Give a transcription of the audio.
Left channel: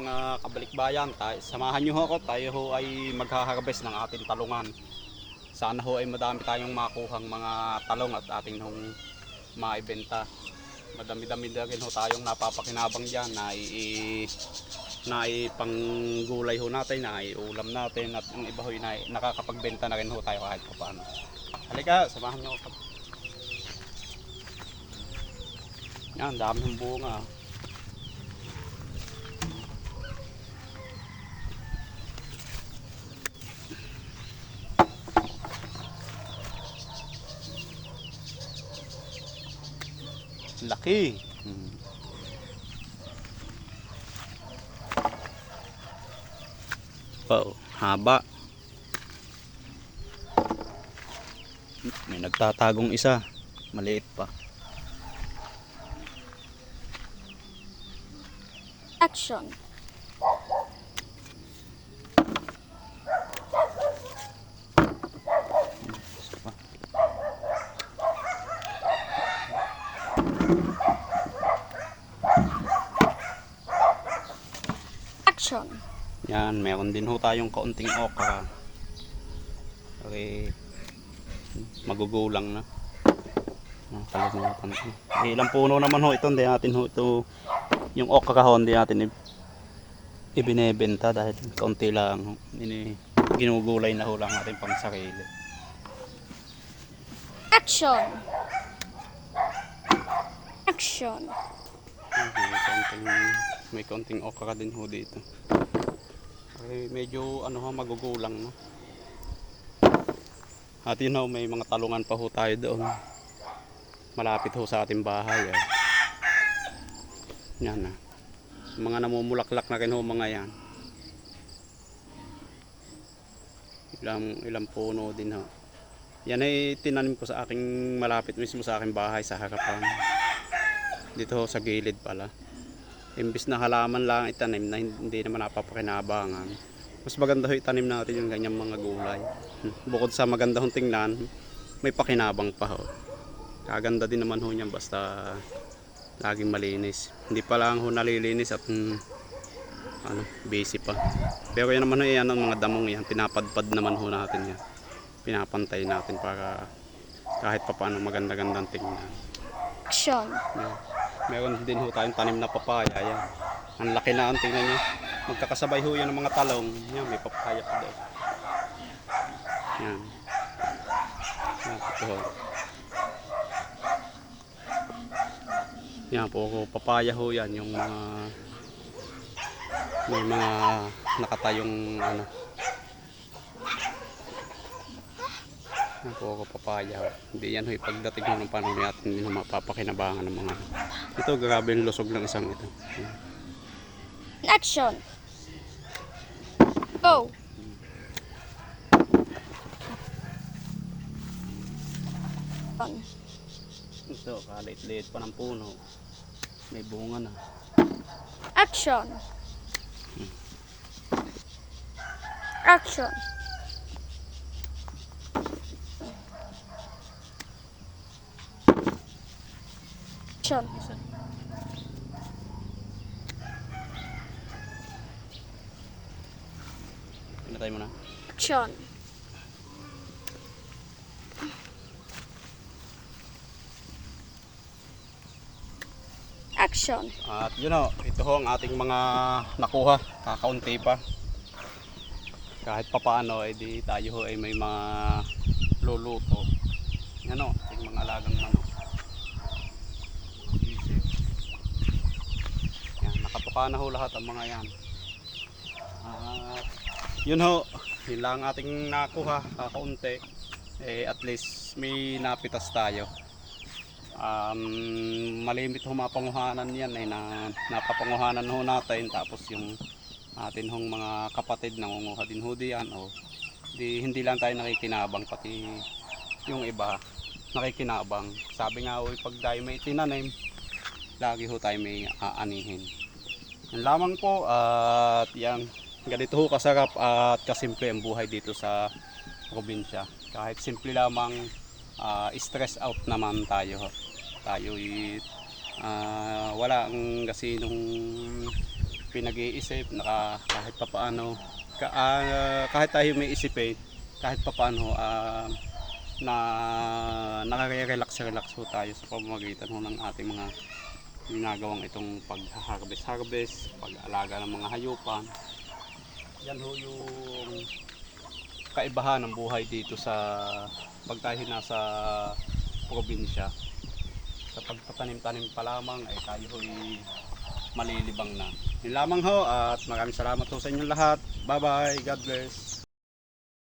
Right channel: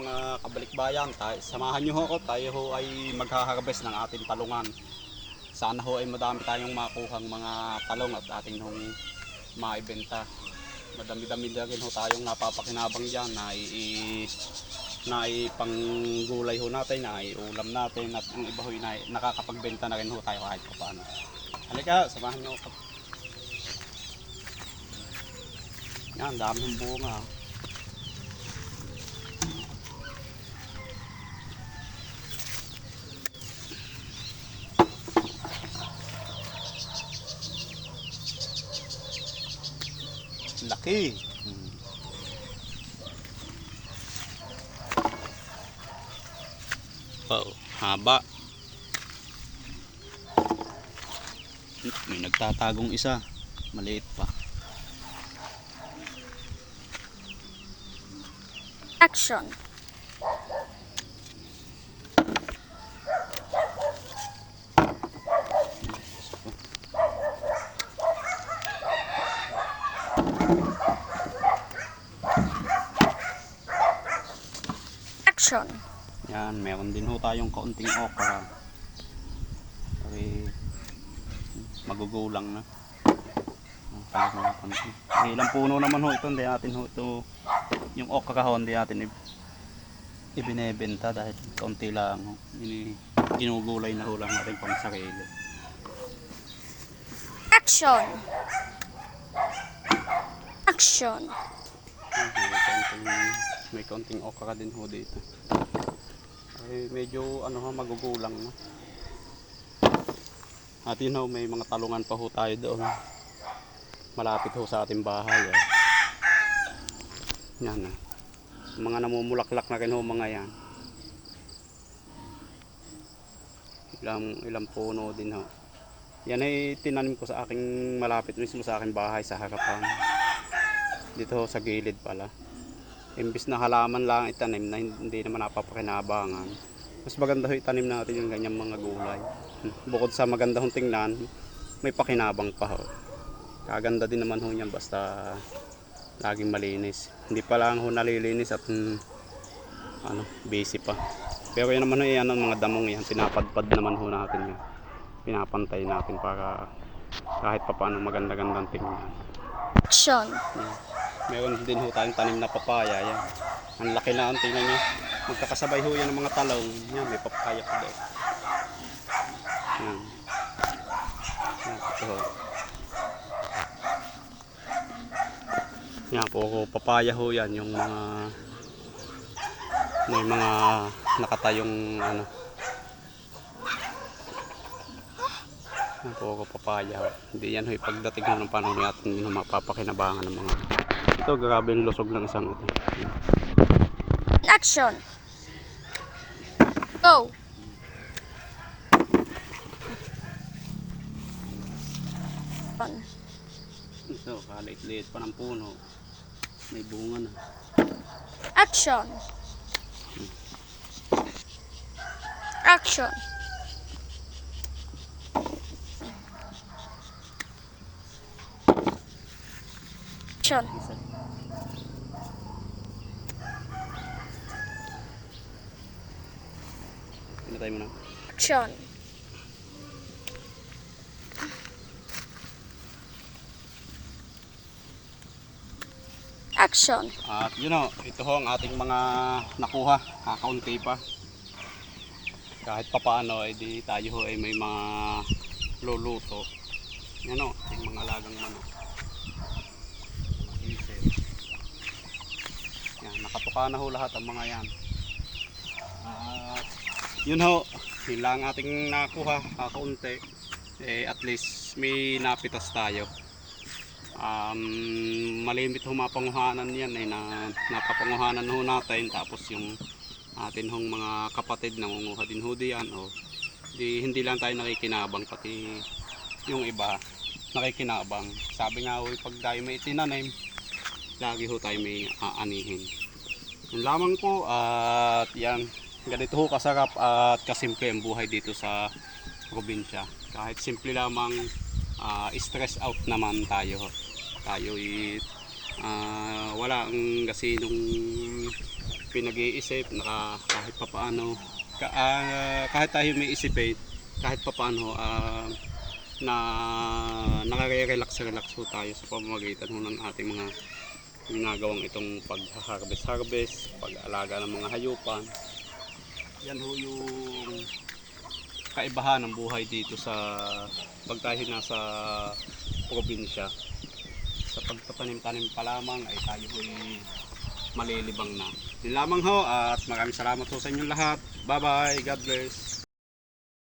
mga kabalikbayan, samahan nyo ho ako, tayo ho ay maghaharvest ng ating talungan. Sana ho ay madami tayong makuhang mga talong at ating hong maibenta. Madami-dami na rin ho tayong napapakinabang dyan na ipanggulay ho natin, na iulam natin, at yung iba ho na nakakapagbenta na rin ho tayo kahit pa paano. Halika, samahan nyo ako. Yan, dami hong bunga. Laki. Wow, haba. May nagtatagong isa, maliit pa. Action. Action. Yan, meron din ho tayong kaunting okra. Okay, magugulang na. Ilang puno naman ho ito, hindi natin ho ito, yung okra ho, hindi natin ibinebenta dahil kaunti lang. Ginugulay na ho lang natin pang sarili. Action. Action. May kaunting okra din ho dito. Medyo ano ha, magugulang no. At yun ho, may mga talungan pa ho tayo doon. Malapit ho sa ating bahay. Yan o. Mga namumulaklak na rin ho mga yan. Ilang puno din ho. Yan ay tinanim ko sa aking malapit mismo sa aking bahay sa harapan. Dito ho sa gilid pala. Imbis na halaman lang itanim na hindi naman napapakinabangan, mas maganda ho itanim natin yung ganyang mga gulay. Bukod sa maganda hong tingnan, may pakinabang pa ho. Kaganda din naman ho niyan basta laging malinis. Hindi pa lang ho nalilinis at busy pa. Pero yan naman ho, yan ang mga damong yan, pinapadpad naman ho natin yan. Pinapantay natin para kahit pa paano maganda-gandang tingnan. Action. Meron din ho tayong tanim na papaya. Yan. Ang laki na, tingnan nyo. Magkakasabay ho yan ng mga talong. Yan, may papaya pa doon. Yan. Yan, ito ho. Yan, puro papaya ho yan. Yung mga may mga nakatayong yan, puro papaya ho. Hindi yan ho, pagdating ho ng panahon natin, hindi ho mapapakinabangan ng mga ito. Grabe yung lusog ng isang ito. Yan. Action. Go. Ito, kalit-liit pa ng puno. May bunga na. Action. Action. Action. Pinatay mo na. Action. Action. At yun o, ito ho ang ating mga nakuha. Kakaunti pa. Kahit papaano, di tayo ho ay may mga luluto. Yan o, ating mga alagang manok. Yan, nakatuka na ho lahat ang mga yan. At yun ho, yun lang ating nakuha. Kakaunti. At least may napitas tayo. Malimit ho mapanguhanan yan ay napapanguhanan ho natin, tapos yung atin hong mga kapatid nangunguha din ho diyan, hindi lang tayo nakikinabang, pati yung iba nakikinabang. Sabi nga ho, pag tayo may tinanim, lagi ho tayo may aanihin. Yan lamang po. At yan, ganito ho kasarap at kasimple ang buhay dito sa probinsya. Kahit simple lamang, stress out naman tayo. Tayo wala ang gasinong pinag-iisip, kahit papaano, kahit tayo may isipin, kahit papaano, na nakaka-relax ho tayo sa pamamagitan ho ng ating mga ginagawang itong pag-harvest, pag-alaga ng mga hayupan. Yan ho yung kaibahan ng buhay dito sa pag tayo nasa probinsya. Sa pagtatanim-tanim pa lamang ay tayo ho'y malilibang na. Yun lamang ho at maraming salamat ho sa inyong lahat. Bye bye, God bless.